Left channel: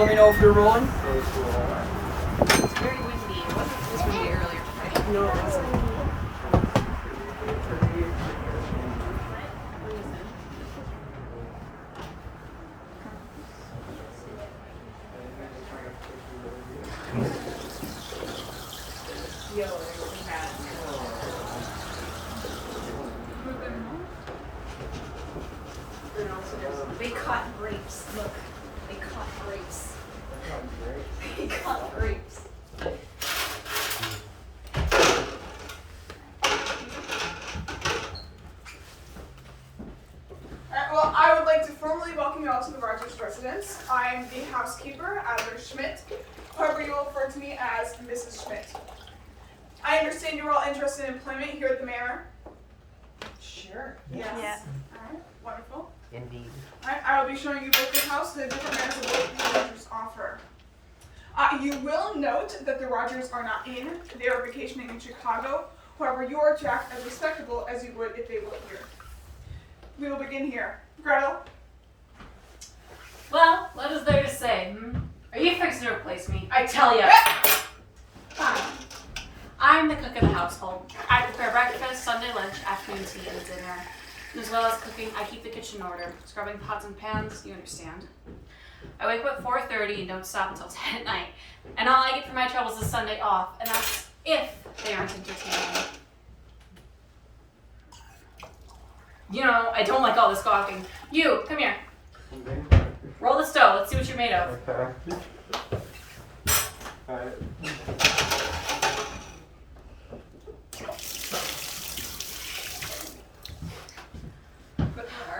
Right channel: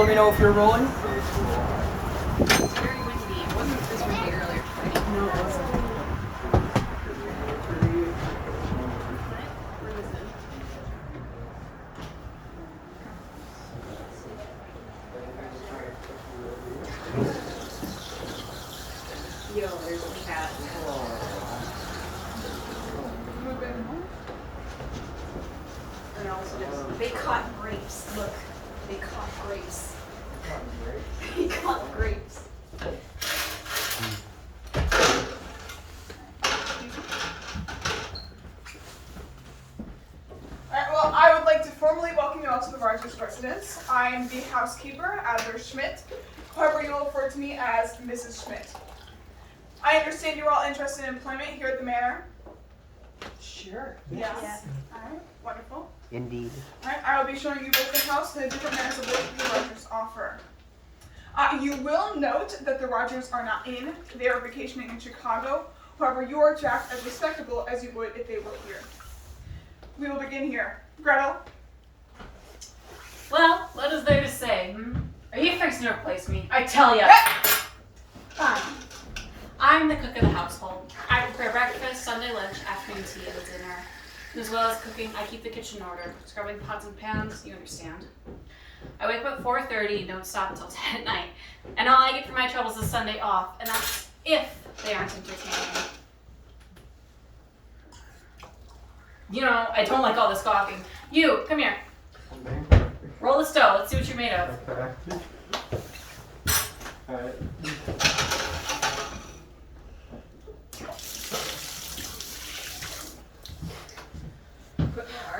Let me know if you're rolling. It's very windy. It wasn't this windy earlier today. No, it wasn't. Yo, there's a cat. They caught grapes. Look, they caught grapes. They caught grapes. Alright, well, I would like to formally welcome you all to the Rogers residence. I am the housekeeper, Adler Schmidt. However, you will refer to me as Mrs. Schmidt. I understand you're all interested in employment here at the manor. Sure. Yes. Yeah. Alright, wonderful. Indeed. Alright, I will be showing you both the house and the different manners of work the Rogers offer. You will note that the Rogers are not in. They are vacationing in Chicago. However, you are to act as respectable as you would if they were here. We will begin here. Gretel. Well, what is there to say? Are you fixing to replace me? I tell ya. Fine. I'm the cook of the household. I prepare breakfast, Sunday lunch, afternoon tea, and dinner. And as well as cooking, I keep the kitchen in order, scrubbing pots and pans, you understand. I wake up at 4:30 and don't stop until 10 at night. And all I get for my troubles is Sunday off, and that's if they aren't entertaining. You know, I don't like all this gawking. You, come here. Roll the stove. Let's see what you're made of.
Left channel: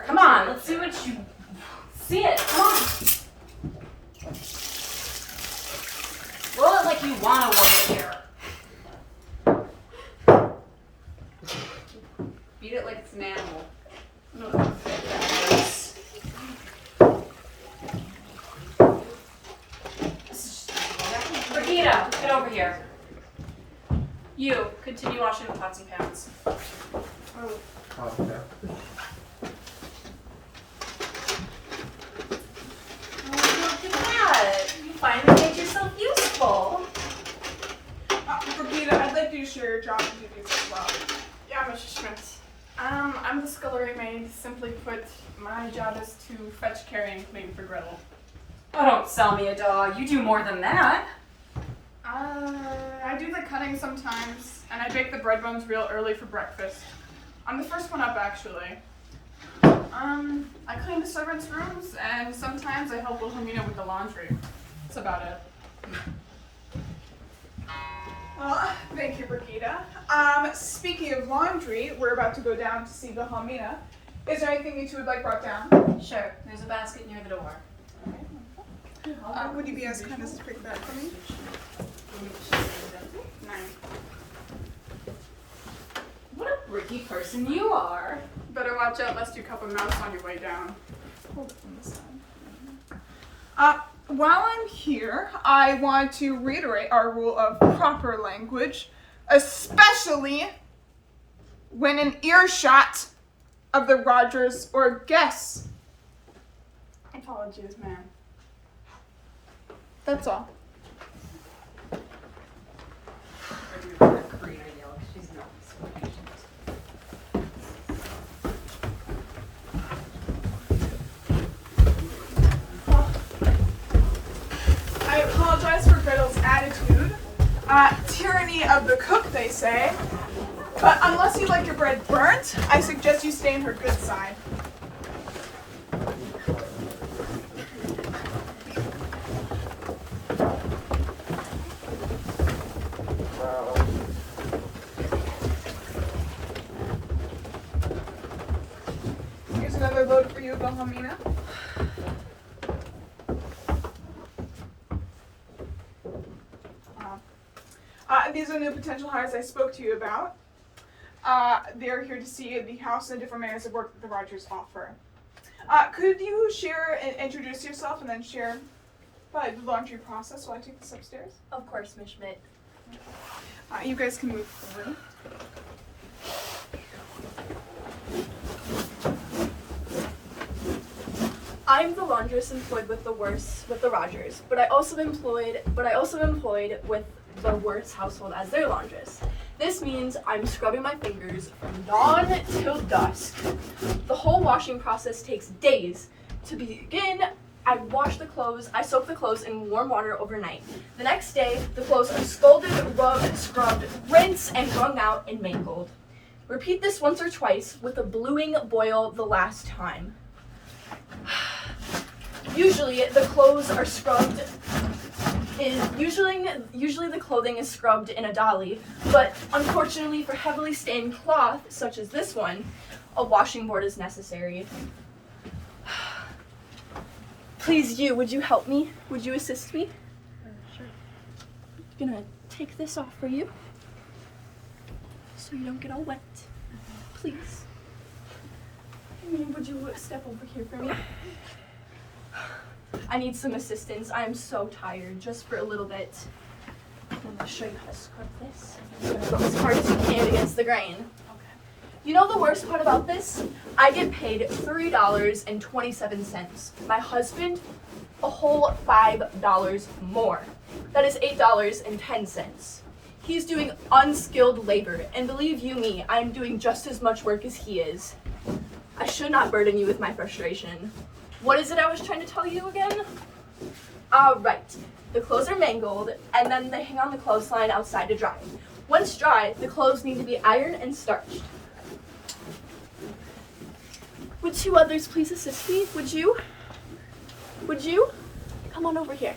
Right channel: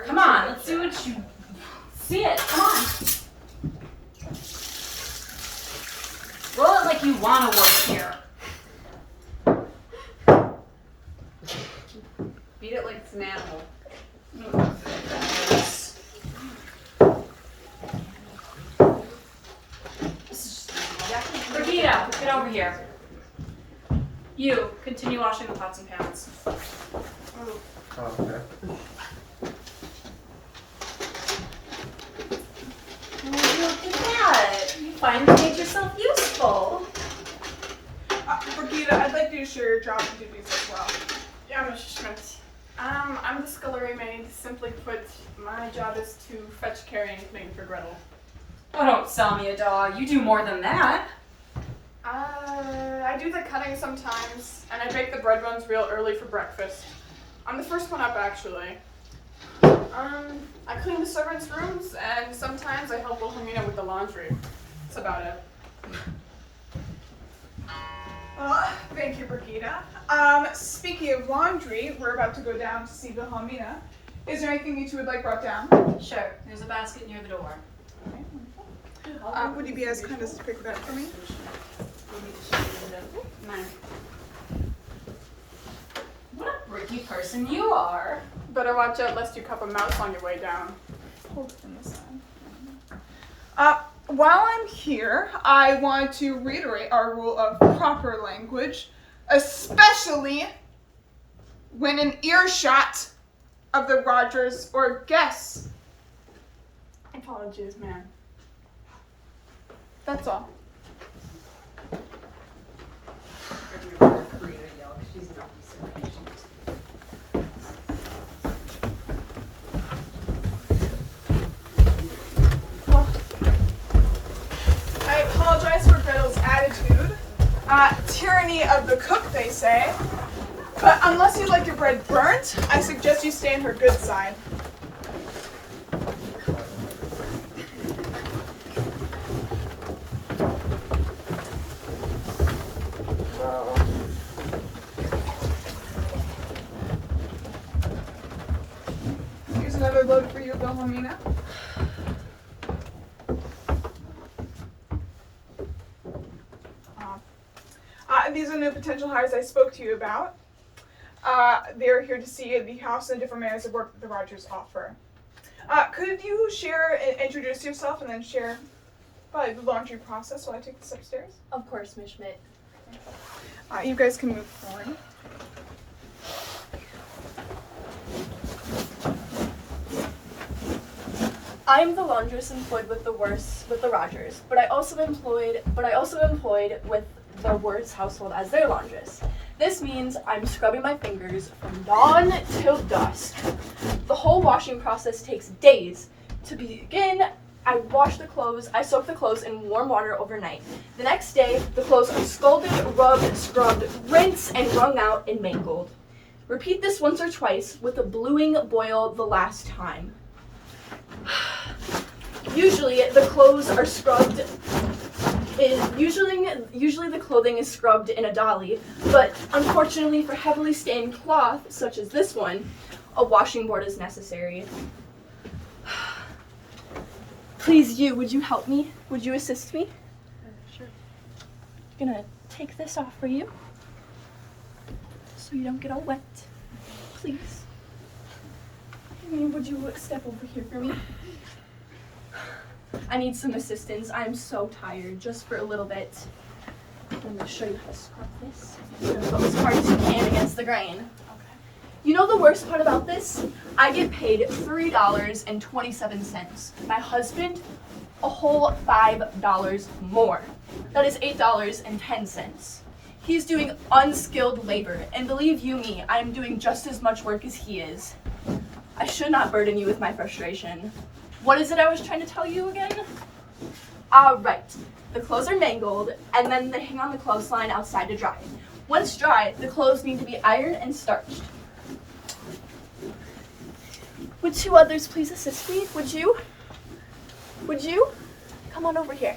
Come on, let's see what you see it. Come on. Roll it like you want to work here. Beat it like it's an animal. Brigitte, get over here. You, continue washing the pots and pans. Look at that. You finally made yourself useful. Brigitte, I'd like you to share your job duties as well. Yeah, Mrs. Schmidt. I'm the scullery maid. Simply put, my job is to fetch, carry, and clean for Gretel. Oh, don't sell me a dog. You do more than that. I do the cutting sometimes, and I bake the bread buns real early for breakfast. I'm the first one up, actually. I clean the servants' rooms, and sometimes I help Wilhelmina with the laundry. That's about it. Thank you, Brigitte. Speaking of laundry, we're about to go down to see Wilhelmina. Is there anything you two would like brought down? Sure, there's a basket near the door. Okay, wonderful. Would you be as kind as to pick that for me? What a bricky person you are. Better watch out lest you cup a mouse on your way down. Hold it from this side. While I'm here, I want to reiterate our rule of proper language, especially when in earshot of the Rogers or guests. Apologies, ma'am. That's all. I apologize for Gretel's attitude. Tyranny of the cook, they say. But unless you like your bread burnt, I suggest you stay on her good side. Here's another load for you, Wilhelmina. These are the potential hires I spoke to you about. They're here to see the house and different manners of work that the Rogers offer. Could you share and introduce yourself and then share the laundry process while I take this upstairs? Of course, Miss Schmidt. You guys can move forward. I'm the laundress employed with the Rogers, but I also employed with the Worst household as their laundress. This means I'm scrubbing my fingers from dawn till dusk. The whole washing process takes days. To begin, I soak the clothes in warm water overnight. The next day, the clothes are scalded, rubbed, scrubbed, rinsed, and wrung out and mangled. Repeat this once or twice with a bluing boil the last time. Usually the clothes are scrubbed usually the clothing is scrubbed in a dolly, but unfortunately for heavily stained cloth, such as this one, a washing board is necessary. Please, would you help me? Would you assist me? Sure. I'm gonna take this off for you, so you don't get all wet. Please. Would you step over here for me? I need some assistance. I am so tired, just for a little bit. I'm gonna show you how to scrub this. I'm gonna go as hard as you can against the grain. Okay. You know the worst part about this? I get paid $3.27. My husband, a whole $5 more. That is $8.10. He's doing unskilled labor, and believe you me, I'm doing just as much work as he is. I should not burden you with my frustration. What is it I was trying to tell you again? Right. The clothes are mangled, and then they hang on the clothesline outside to dry. Once dry, the clothes need to be ironed and starched. Would two others please assist me? Would you? Come on over here.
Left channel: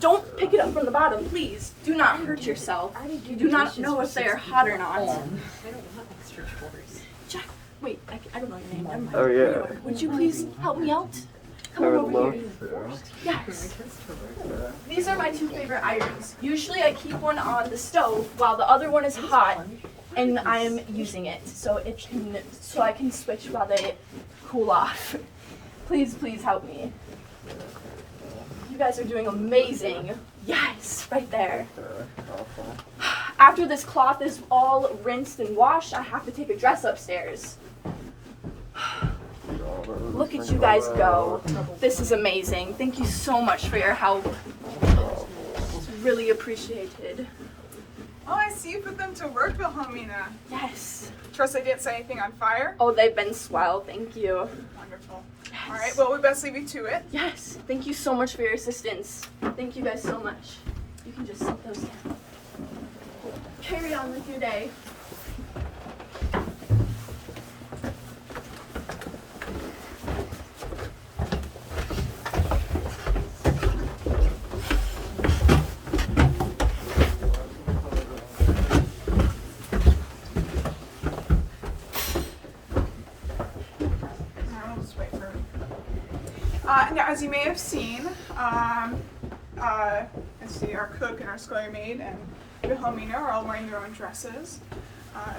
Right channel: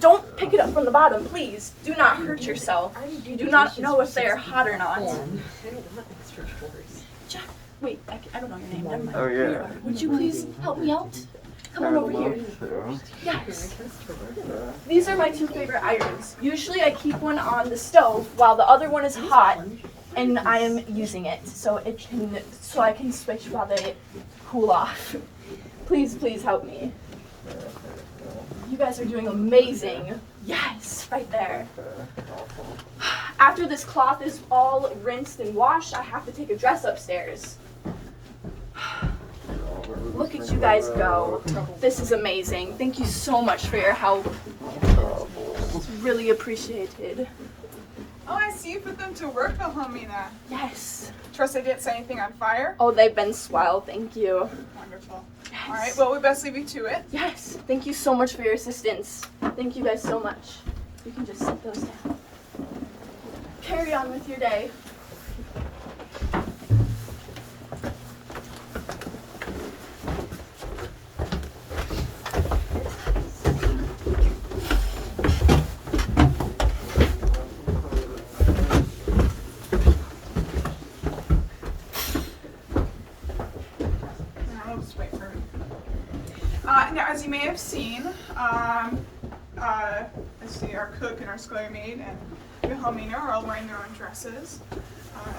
Don't pick it up from the bottom, please. Do not hurt yourself. You do not know if they are hot or not. Jack, wait, I don't know your name. Never mind. Oh, yeah. Here you are. Would you please help me out? Come on over here. Yes. These are my two favorite irons. Usually I keep one on the stove while the other one is hot, and I am using it so I can switch while they cool off. Please help me. You guys are doing amazing. Yes, right there. After this cloth is all rinsed and washed, I have to take a dress upstairs. Look at you guys go. This is amazing. Thank you so much for your help. It's really appreciated. Oh, I see you put them to work, Wilhelmina. Yes. Trust I didn't set anything on fire? Oh, they've been swell. Thank you. Wonderful. All right, well, we best leave you to it. Yes. Thank you so much for your assistance. Thank you guys so much. You can just set those down. Carry on with your day. Now, as you may have seen, I see our cook and our scullery maid and Wilhelmina are all wearing their own dresses.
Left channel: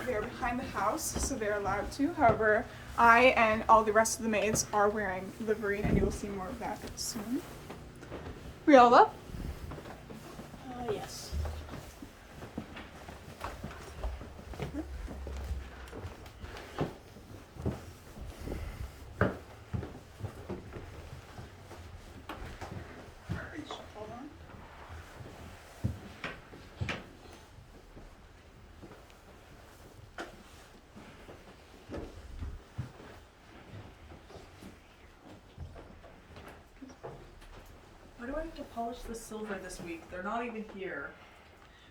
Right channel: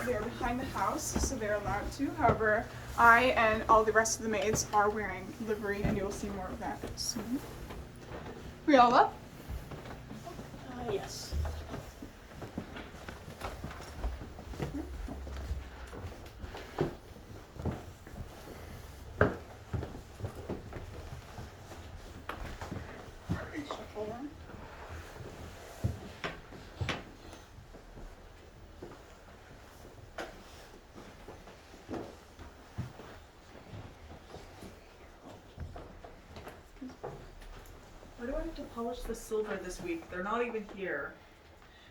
They're behind the house, so they're allowed to. However, I and all the rest of the maids are wearing livery, and you will see more of that soon. Riola? Yes. Why do I have to polish the silver this week? They're not even here.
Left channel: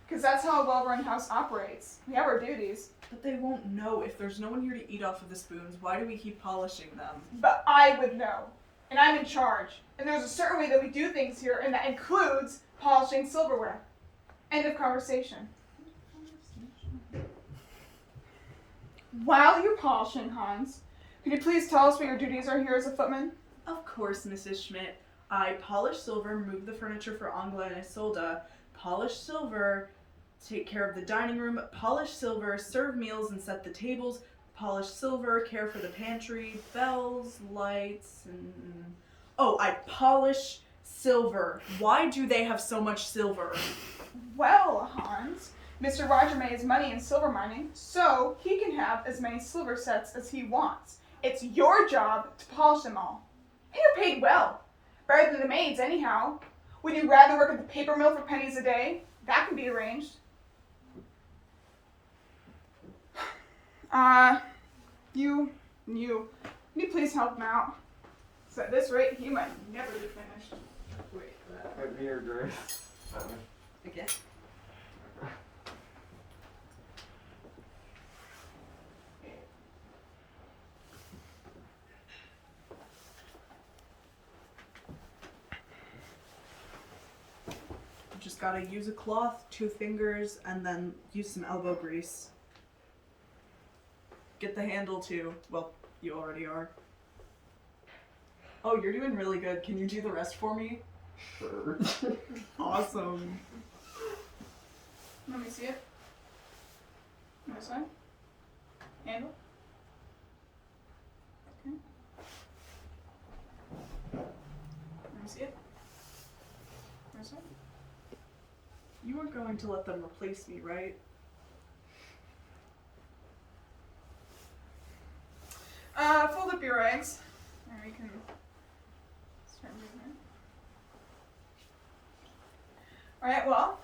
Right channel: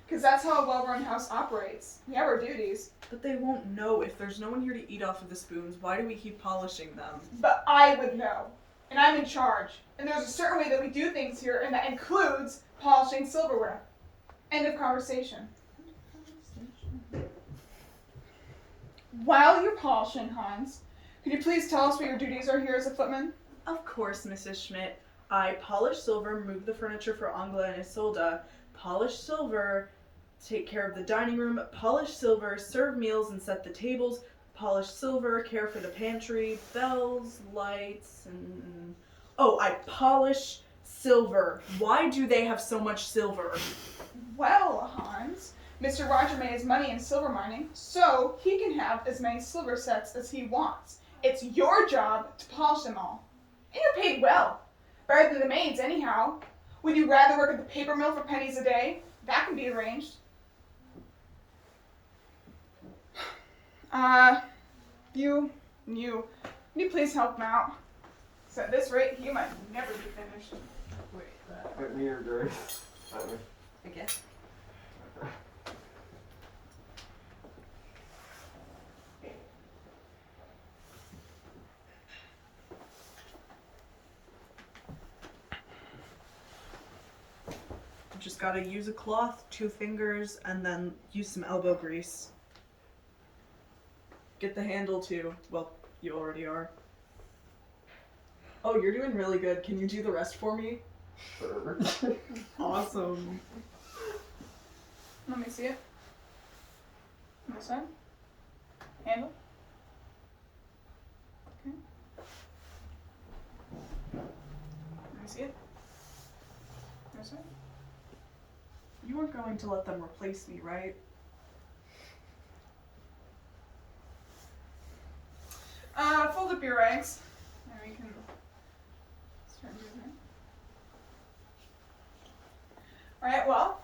Because that's how a well-run house operates. We have our duties. But they won't know. If there's no one here to eat off of the spoons, why do we keep polishing them? But I would know. And I'm in charge. And there's a certain way that we do things here, and that includes polishing silverware. End of conversation. While you're polishing, Hans, could you please tell us what your duties are here as a footman? Of course, Mrs. Schmidt. I polish silver, move the furniture for Angela and Isolda, polish silver, take care of the dining room, polish silver, serve meals and set the tables, polish silver, care for the pantry, bells, lights, and... Oh, I polish silver. Why do they have so much silver? Well, Hans, Mr. Roger made his money in silver mining, so he can have as many silver sets as he wants. It's your job to polish them all. And you're paid well. Better than the maids, anyhow. Would you rather work at the paper mill for pennies a day? That can be arranged. Can you please help him out? 'Cause at this rate, he might never be finished. Put me or Grace. Okay. Just gotta use a cloth, 2 fingers, and then use some elbow grease. Get the handle too. Well, you already are. Oh, you're doing really good. Can you do the rest for me? Sure. Awesome. Let me see it. This one. Handle. Okay. Let me see it. This one. You weren't going to let them replace me, right? Fold up your rags. And we can start moving. Alright, well,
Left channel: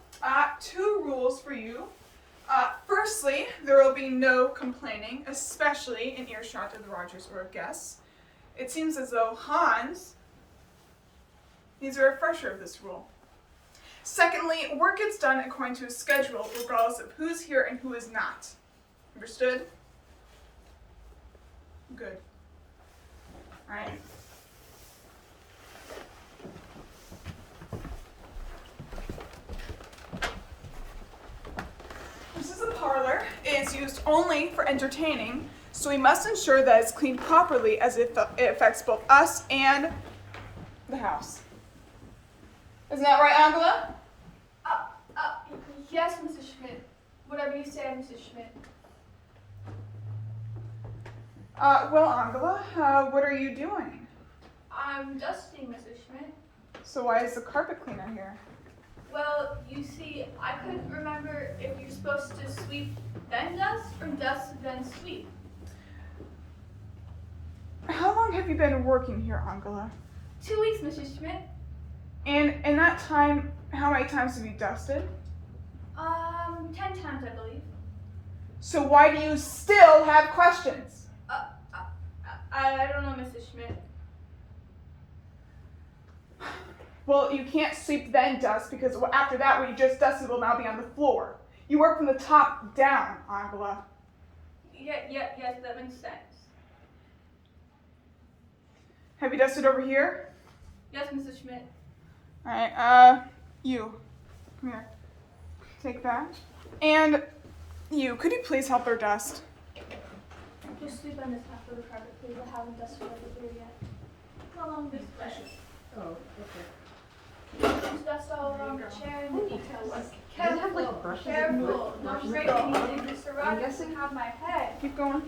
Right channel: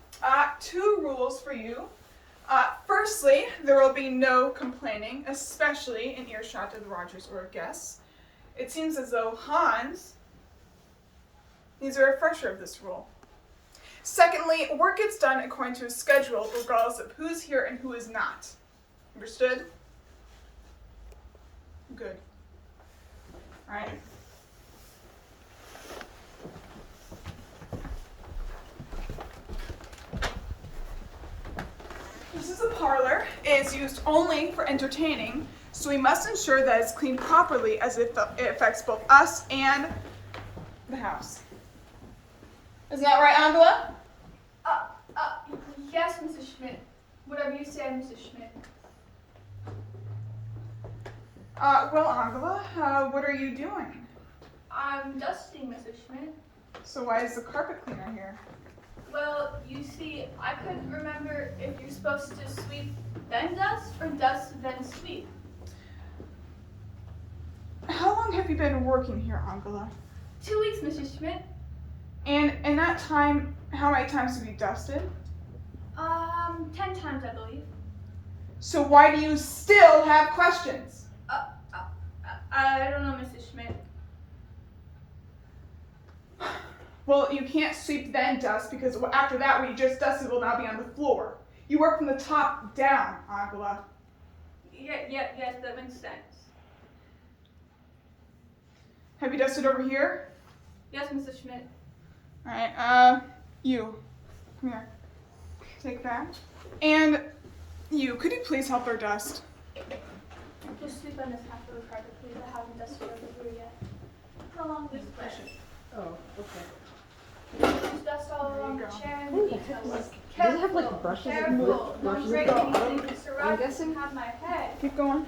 2 rules for you. Firstly, there will be no complaining, especially in earshot of the Rogers or guests. It seems as though Hans needs a refresher of this rule. Secondly, work gets done according to a schedule, regardless of who's here and who is not. Understood? Good. Alright. This is a parlor. It is used only for entertaining, so we must ensure that it's cleaned properly as it affects both us and the house. Isn't that right, Angela? Yes, Mrs. Schmidt. Whatever you say, Mrs. Schmidt. Well, Angela, what are you doing? I'm dusting, Mrs. Schmidt. So why is the carpet cleaner here? Well, you see, I couldn't remember if you're supposed to sweep then dust or dust then sweep. How long have you been working here, Angela? 2 weeks, Mrs. Schmidt. And in that time, how many times have you dusted? 10 times, I believe. So why do you still have questions? I don't know, Mrs. Schmidt. Well, you can't sweep then dust because after that what you just dusted will now be on the floor. You work from the top down, Angela. Yes, that makes sense. Have you dusted over here? Yes, Mrs. Schmidt. Alright, you. Come here. Take that. And you, could you please help her dust? Just sweep on this half of the carpet, please. I haven't dusted over here yet. Along this way. Oh, okay. Just dust all along the chair and the details. Does it have, like, brushes and Careful. Don't brushes? break anything. Mr. I'm Rogers guessing- can have my head. Keep going.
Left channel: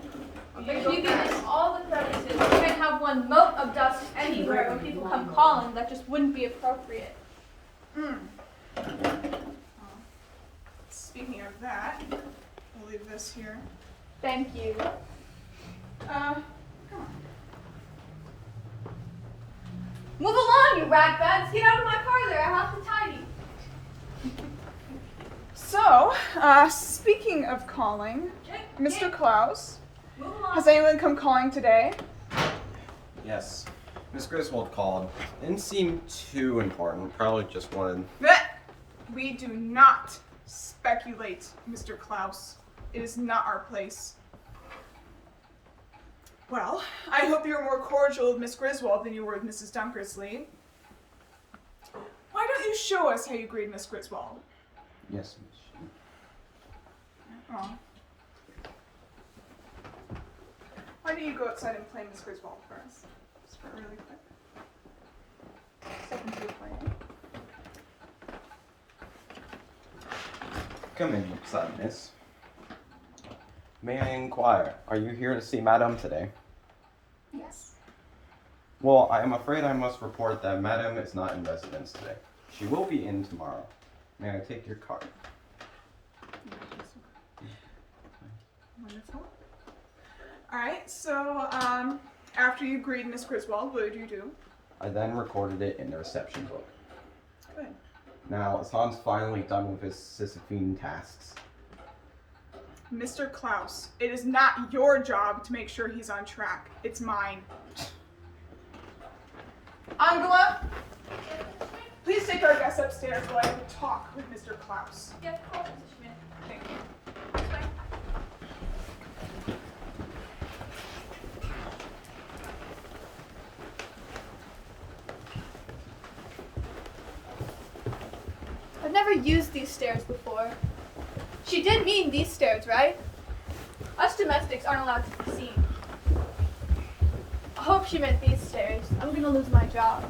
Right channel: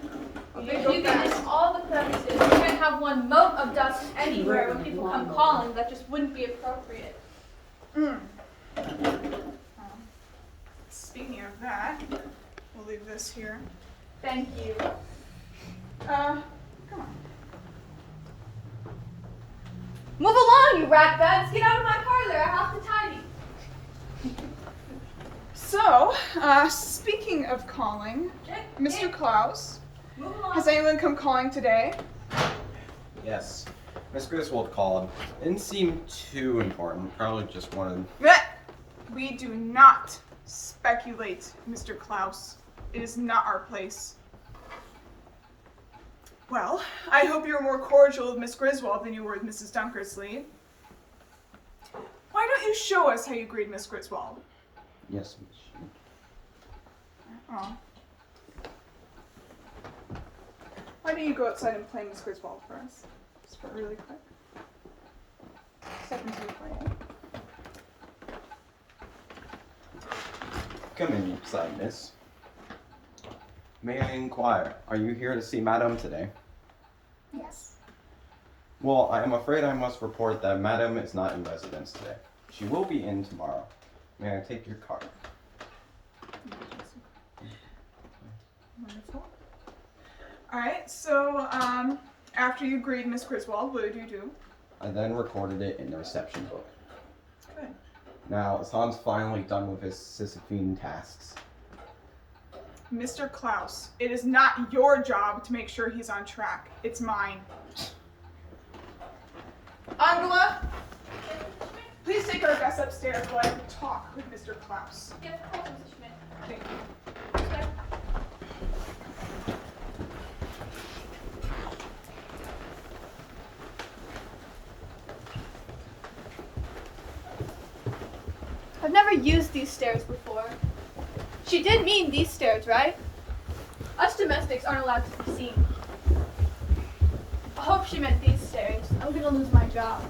If you can list all the crevices, you can't have one mote of dust anywhere when people come calling. That just wouldn't be appropriate. Speaking of that, we'll leave this here. Thank you. Come on. Move along, you ratbats. Get out of my parlor. I have to tidy. So, speaking of calling, Mr. Klaus, Move along. has anyone come calling today? Yes. Miss Griswold called. Didn't seem too important. Probably just wanted. Blech! We do not speculate, Mr. Klaus. It is not our place. Well, I hope you were more cordial with Miss Griswold than you were with Mrs. Dunkersley. Why don't you show us how you greet Miss Griswold? Yes, Miss. Oh. Why don't you go outside and play Miss Griswold for us? Just for really quick. Step into the frame. Come inside, miss. May I inquire, are you here to see Madame today? Yes. Well, I am afraid I must report that Madame is not in residence today. She will be in tomorrow. May I take your card? Wonderful. Alright, so after you greeted Miss Griswold, what did you do? I then recorded it in the reception book. Good. Now, as Han's finally done with his Sisyphean tasks, Mr. Klaus, it is not your job to make sure he's on track. It's mine. Angela, please take our guests upstairs while I talk with Mr. Klaus. Yes, of course, Mrs. Schmidt. Thank you. I've never used these stairs before. She did mean these stairs, right? Us domestics aren't allowed to be seen. I hope she meant these stairs. I'm gonna lose my job.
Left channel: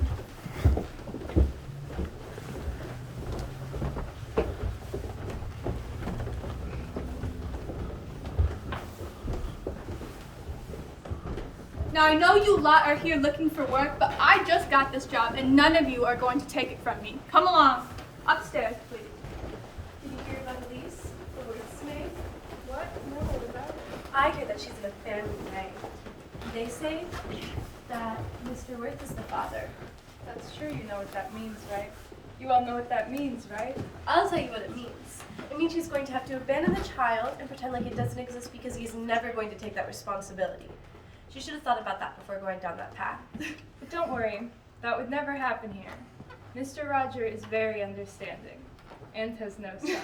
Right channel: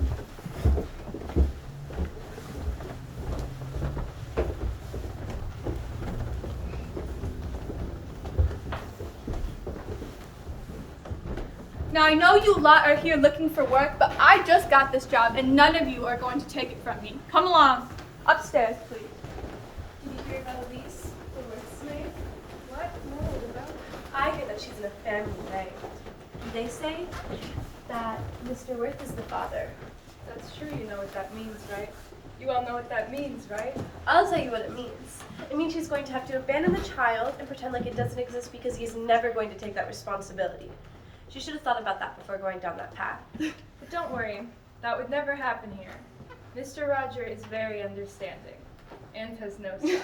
Now I know you lot are here looking for work, but I just got this job and none of you are going to take it from me. Come along. Upstairs, please. Did you hear about Elise, the wordsmith? What? No, about I hear that she's in a family way. They say that Mr. Worth is the father. That's true, you know what that means, right? You all know what that means, right? I'll tell you what it means. It means she's going to have to abandon the child and pretend like it doesn't exist because he's never going to take that responsibility. She should have thought about that before going down that path. But don't worry, that would never happen here. Mr. Roger is very understanding and has no sons.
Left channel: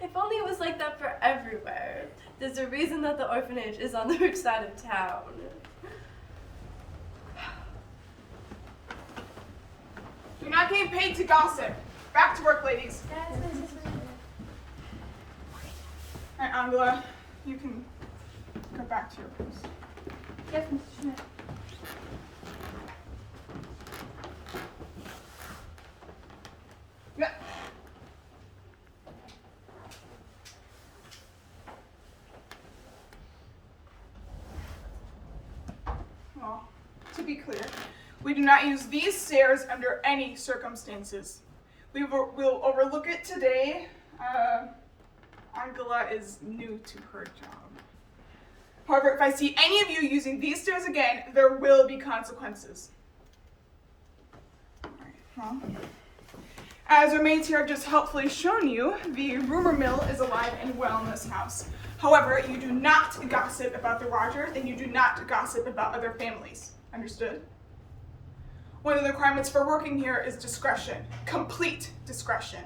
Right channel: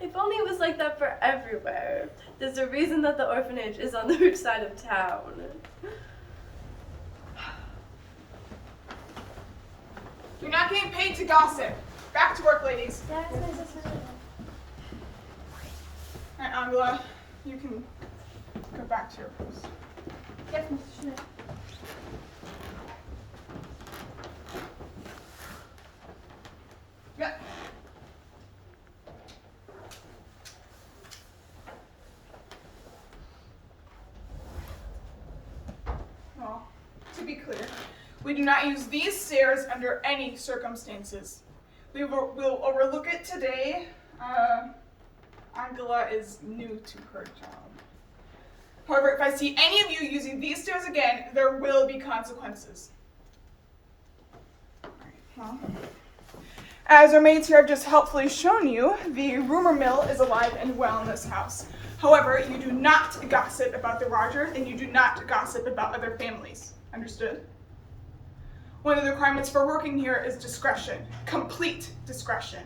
If only it was like that for everywhere. There's a reason that the orphanage is on the rich side of town. You're not getting paid to gossip. Back to work, ladies. That's Mrs. Schmidt. Alright, Angela, you can go back to your post. Yes, Mrs. Schmidt. Yeah. Well, to be clear, we do not use these stairs under any circumstances. We'll overlook it today. Angela is new to her job. However, if I see any of you using these stairs again, there will be consequences. Alright, well. As our maids here have just helpfully shown you, the rumor mill is alive and well in this house. However, you do not gossip about the Rogers, and you do not gossip about other families. Understood? One of the requirements for working here is discretion. Complete discretion.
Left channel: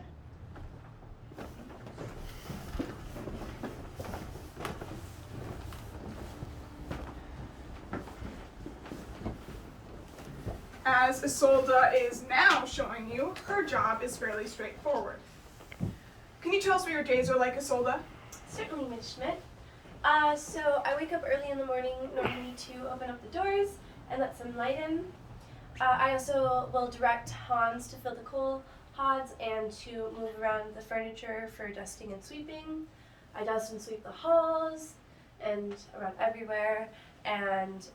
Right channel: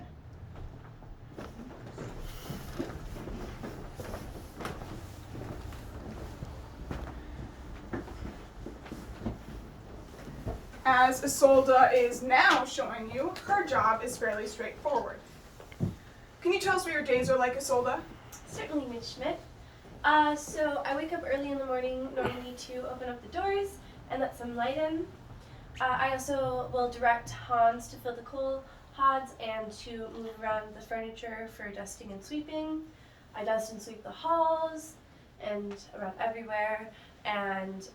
As Isolda is now showing you, her job is fairly straightforward. Can you tell us what your days are like, Isolda? Certainly, Miss Schmidt. So I wake up early in the morning, normally to open up the doors and let some light in. I also will direct Hans to fill the coal hods and to move around the furniture for dusting and sweeping. I dust and sweep the halls and around everywhere, and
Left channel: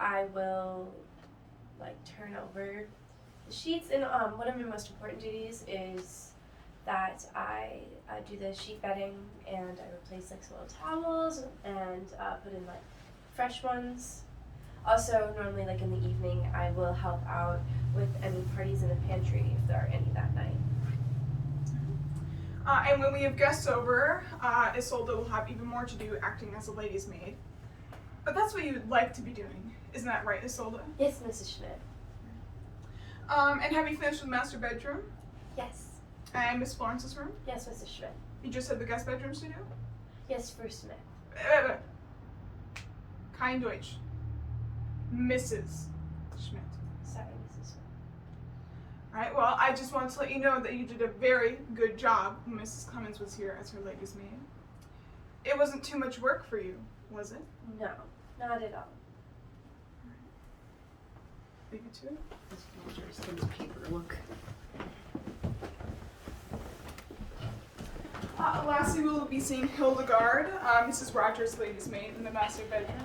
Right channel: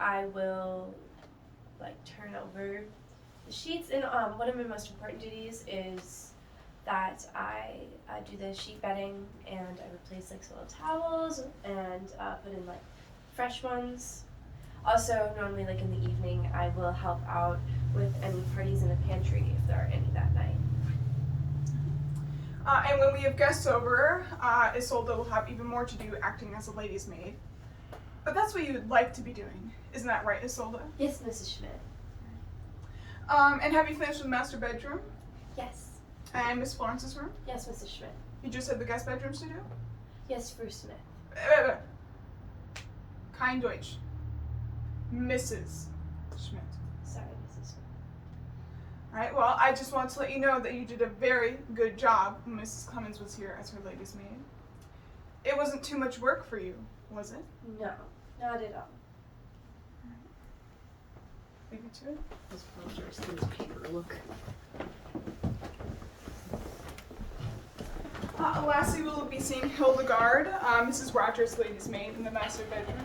I will turn over the sheets. And one of my most important duties is that I do the sheet bedding, and I replace soiled towels and put in fresh ones. Also, normally in the evening, I will help out with any parties in the pantry if there are any that night. And when we have guests over, Isolda will have even more to do acting as a lady's maid. But that's what you would like to be doing. Isn't that right, Isolda? Yes, Mrs. Schmidt. And have you finished with the master bedroom? Yes. And Miss Florence's room? Yes, Mrs. Schmidt. You just had the guest bedrooms to do? Yes, First Smith. Kein Deutsch. Mrs. Schmidt. Sorry, Mrs. Smith. Alright, well, I just wanted to let you know that you did a very good job when Mrs. Clemens was here as her lady's maid. It wasn't too much work for you, was it? No, not at all. Leave it to it. This folder's in the paper, look. Lastly, we will be seeing Hildegard, Mrs. Rogers' lady's maid, in the master bedroom.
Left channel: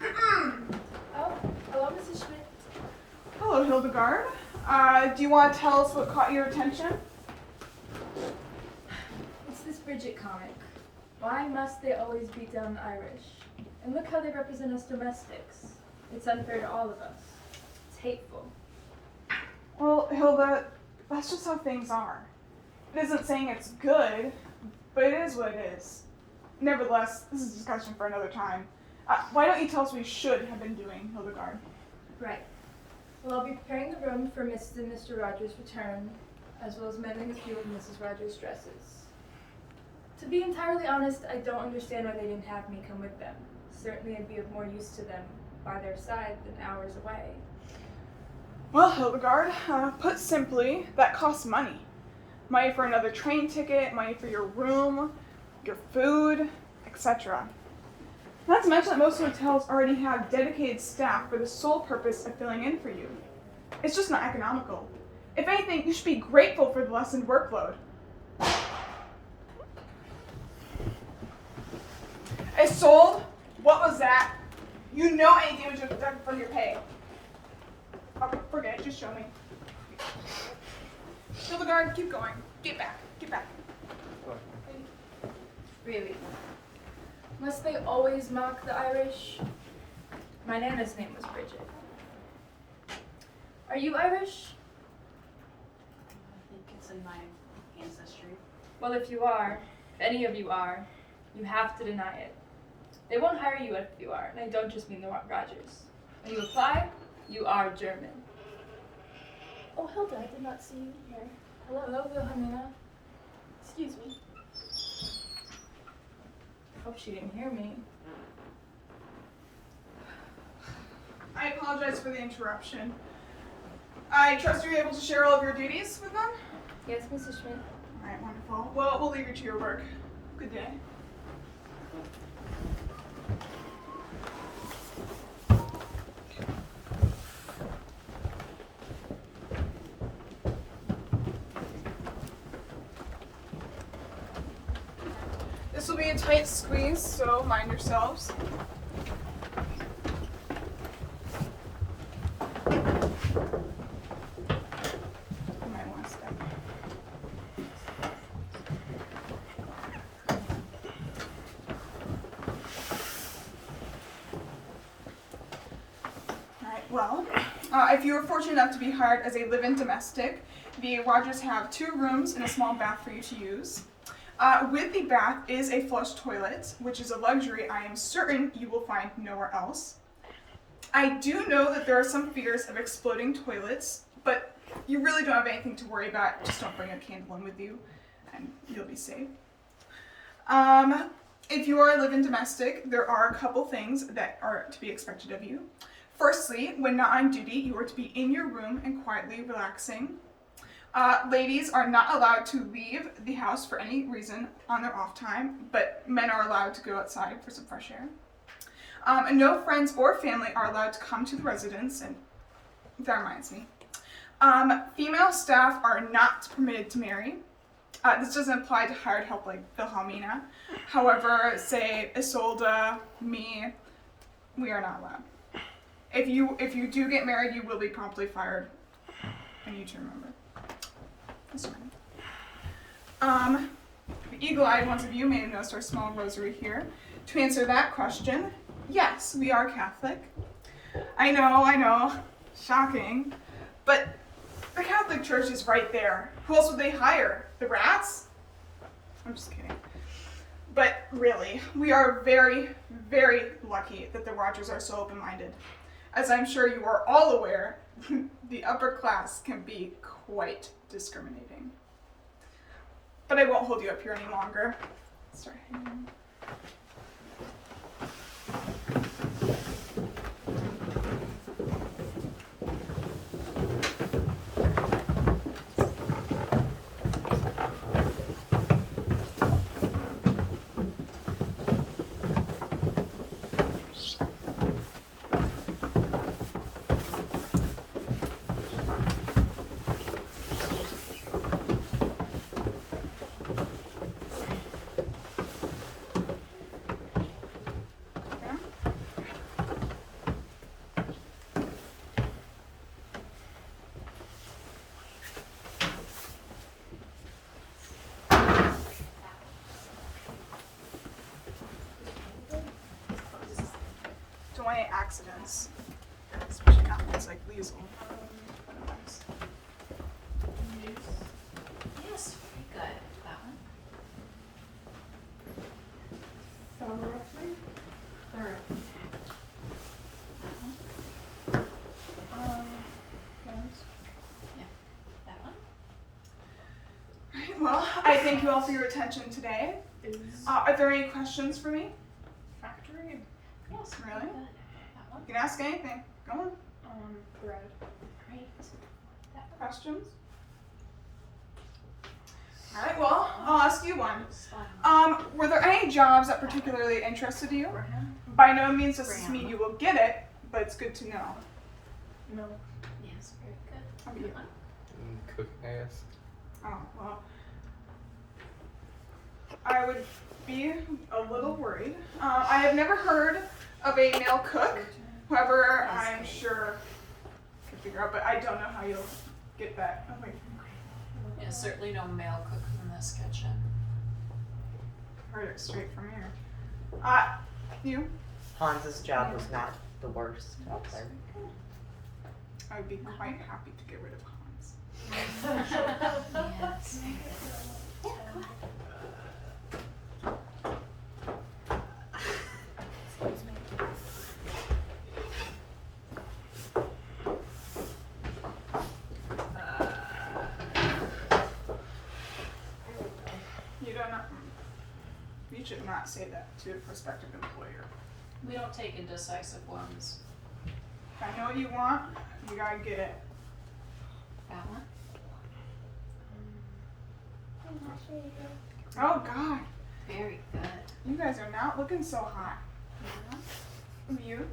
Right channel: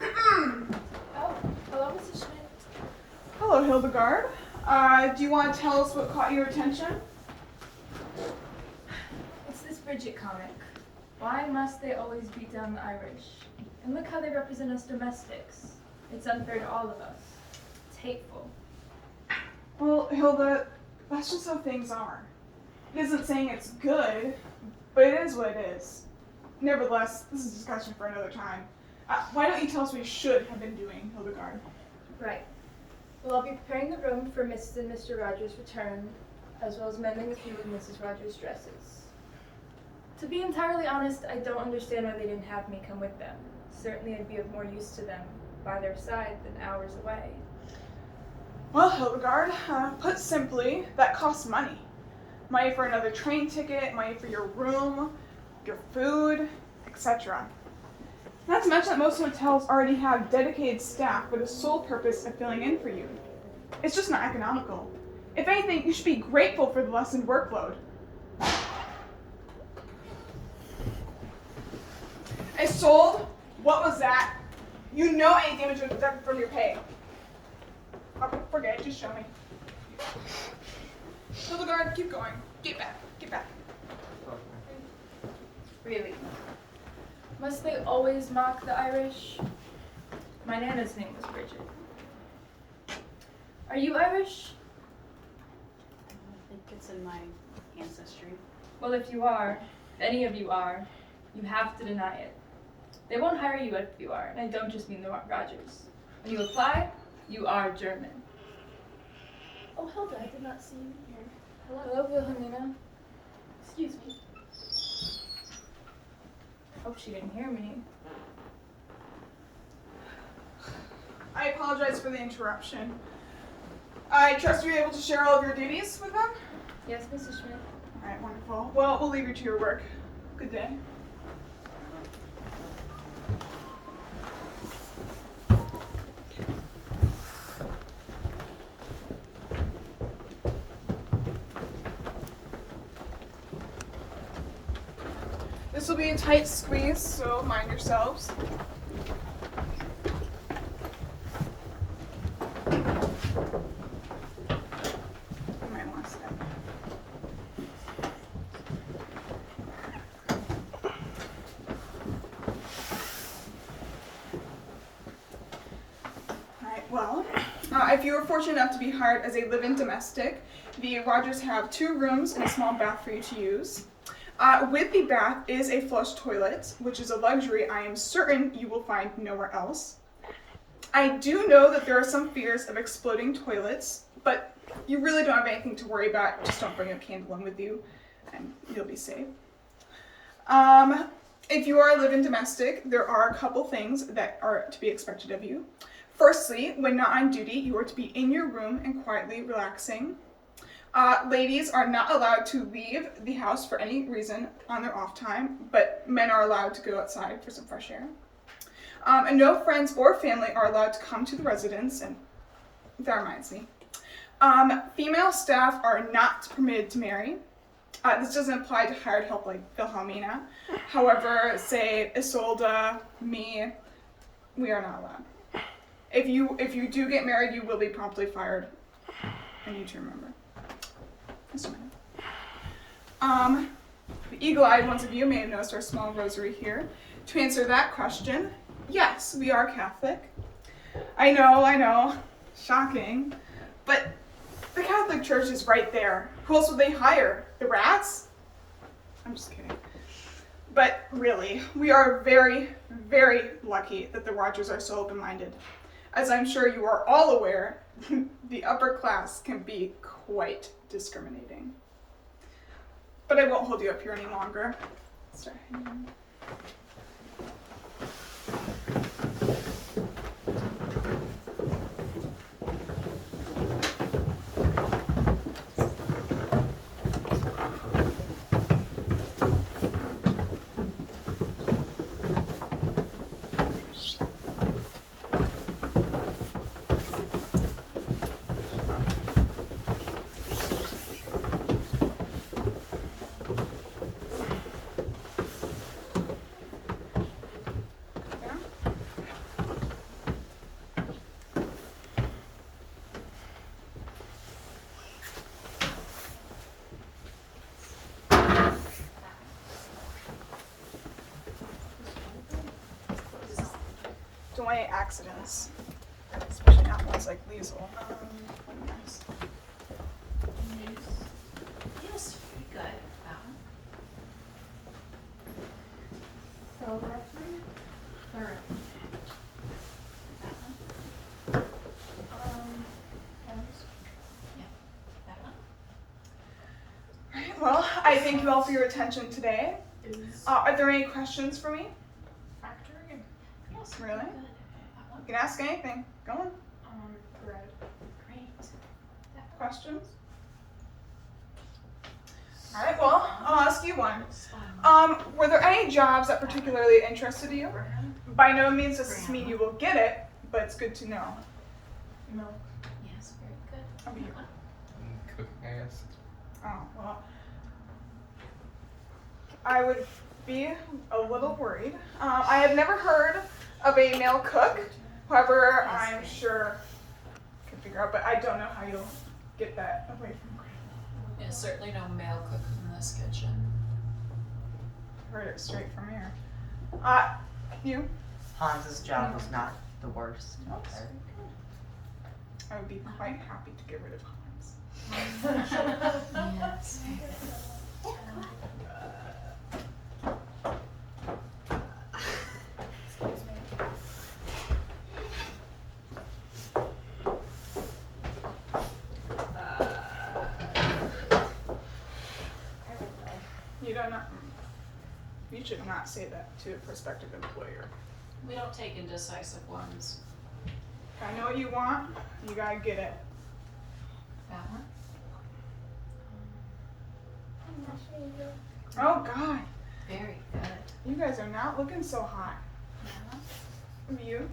Oh, hello, Mrs. Schmidt. Hello, Hildegard. Do you want to tell us what caught your attention? Bridget comic. Why must they always beat down the Irish? And look how they represent us domestics. It's unfair to all of us. It's hateful. Well, Hilda, that's just how things are. It isn't saying it's good, but it is what it is. Nevertheless, this is a discussion for another time. Why don't you tell us what we should have been doing, Hildegard? Right. Well, I'll be preparing the room for Mrs. and Mr. Rogers' return, as well as mending a few of Mrs. Rogers' dresses. To be entirely honest, I don't understand why they didn't have me come with them. Certainly I'd be of more use to them by their side than hours away. Well, Hildegard, put simply, that costs money. Money for another train ticket, money for your room, your food, etc. Not to mention that most hotels already have dedicated staff for the sole purpose of filling in for you. It's just not economical. If anything, you should be grateful for the lessened workload. Isolde, what was that? You know any damage was deducted from your pay. Oh, forget it, just show me. Hildegard, keep going. Get back, get back. Really? Must they always mock the Irish? My Nana's name was Bridget. Are you Irish? I think it's in my ancestry. Well, if you are, if any of you are, you have to deny it. They won't hire you if you are, and I don't just mean the Rogers. When you apply, you are German. Oh, Hilda, I did not see you here. Hello, Wilhelmina. Excuse me. Hope she didn't hear me. I apologize for the interruption. I trust you're able to share all of your duties with them? Yes, Mrs. Schmidt. All right, wonderful. Well, we'll leave you to your work. Good day. This will be a tight squeeze, so mind yourselves. Right, one step. Alright, well, if you were fortunate enough to be hired as a live-in domestic, the Rogers have 2 rooms and a small bath for you to use. With the bath is a flush toilet, which is a luxury I am certain you will find nowhere else. I do know that there are some fears of exploding toilets, but you really don't have anything to worry about. Just don't bring a candle in with you, and you'll be safe. If you are a live-in domestic, there are a couple things that are to be expected of you. Firstly, when not on duty, you are to be in your room and quietly relaxing. Ladies are not allowed to leave the house for any reason on their off time, but men are allowed to go outside for some fresh air. And no friends or family are allowed to come to the residence, and that reminds me. Female staff are not permitted to marry. This doesn't apply to hired help like Wilhelmina. However, say Isolde, me, we are not allowed. If you do get married, you will be promptly fired. I need to remember. That's fine. The eagle-eyed ones of you may have noticed our small rosary here. To answer that question, yes, we are Catholic. I know, shocking, but the Catholic Church is right there. Who else would they hire? The rats? I'm just kidding. But really, we are very, very lucky that the Rogers are so open-minded. As I'm sure you are all aware, the upper class can be quite discriminating. But I won't hold you up here any longer. Start hanging. want any accidents, especially not ones like Liesel. Yes, good. That one. Third. That one. Alright, well, I thank you all for your attention today. Are there any questions for me? Factory. Yes. Really? That You one. can ask anything. Go on. Bread. Great. That one. Questions? Alright, well, I'll ask you one. Were there any jobs that particularly interested you? By no means does this mean you will get it, but it's good to know. No. Yes, very good. How about you? Cooking, Oh, well. I would be a little worried. I have never heard of a male cook. However, I'm sure I can figure out, but I don't know how you'll get that away from Graham. Yeah, certainly no male cook in this kitchen. Heard it straight from here. You? Hans's job was not the worst. Okay. I would be quite happy to get rid of Hans. Yes. You don't know. You should not say that to a prospective employer. We don't take indecisive ones. If I know what you want, you gotta get it. That one? Oh God, Very good. you guys are not looking so hot. You?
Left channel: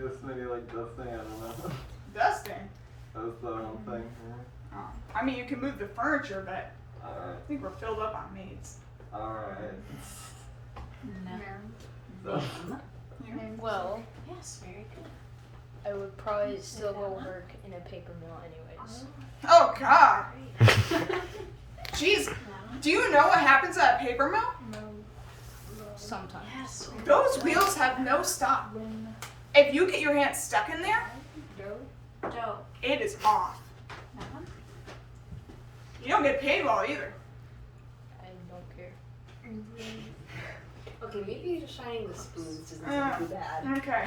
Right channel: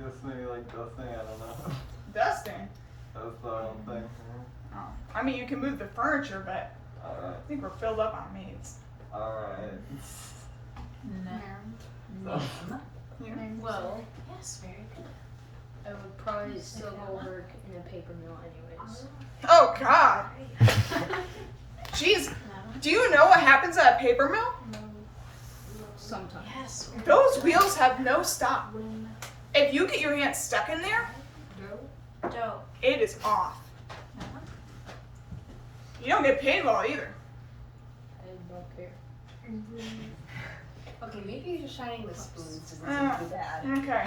Guess maybe like dusting, I don't know. Dusting? That's the one thing. Oh. I mean, you can move the furniture, but I Alright. think we're filled up on maids. Alright. Name. You? Well, Yes, very good. I would probably still go work in a paper mill anyways. Oh God. Jeez, do you know what happens at a paper mill? Sometimes. Yes. Those wheels have no stop. If you get your hand stuck in there, Joe. it is off. That one? You don't get paid well either. I don't care. Okay, maybe shining the spoons isn't too bad. Okay.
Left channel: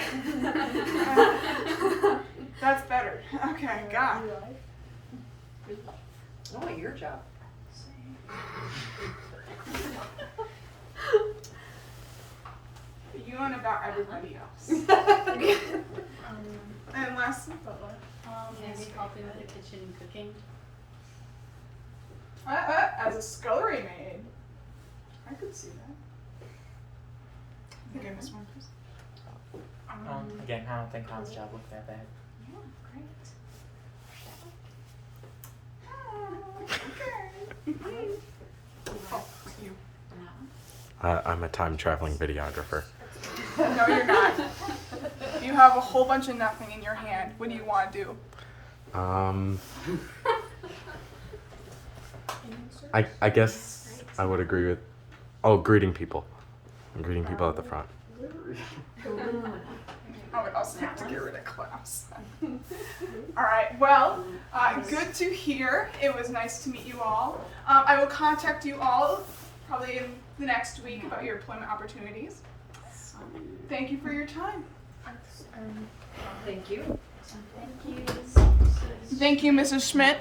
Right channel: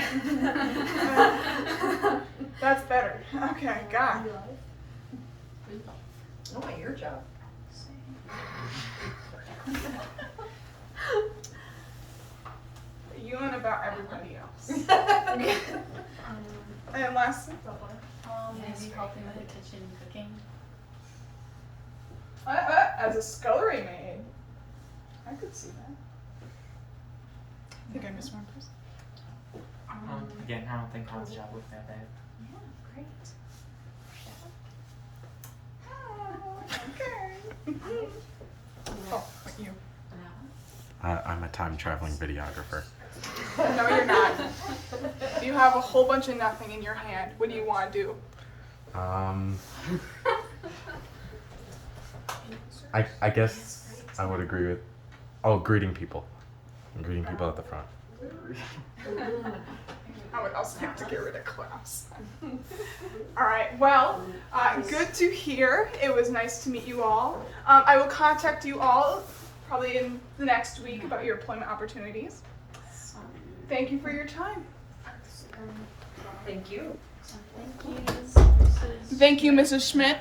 That's better. Okay, God. I want your job. You and about everybody else. And last, Maybe helping with the kitchen and cooking. as a scullery maid, I could see that. I think I missed one person. Again, I don't think Hans' job looked that bad. Yeah, great. Okay. Oh, what, you? That one? I'm a time traveling videographer. No, you're not. You have a whole bunch of nothing in your hand. What do you want to do? I guess I would agree with. Oh, greeting people. I'm greeting people at the front. I would also like to get rid of Klaus. All right. Well, good to hear. It was nice to meet you all. I will contact you all probably in the next week about your employment opportunities. Thank you for your time. Thank you. Thank you. Thank you, Mrs. Schmidt.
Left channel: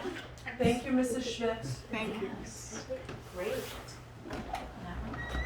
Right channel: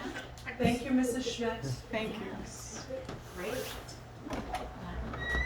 Thank you, Mrs. Schmidt. Thank you. Great. That one.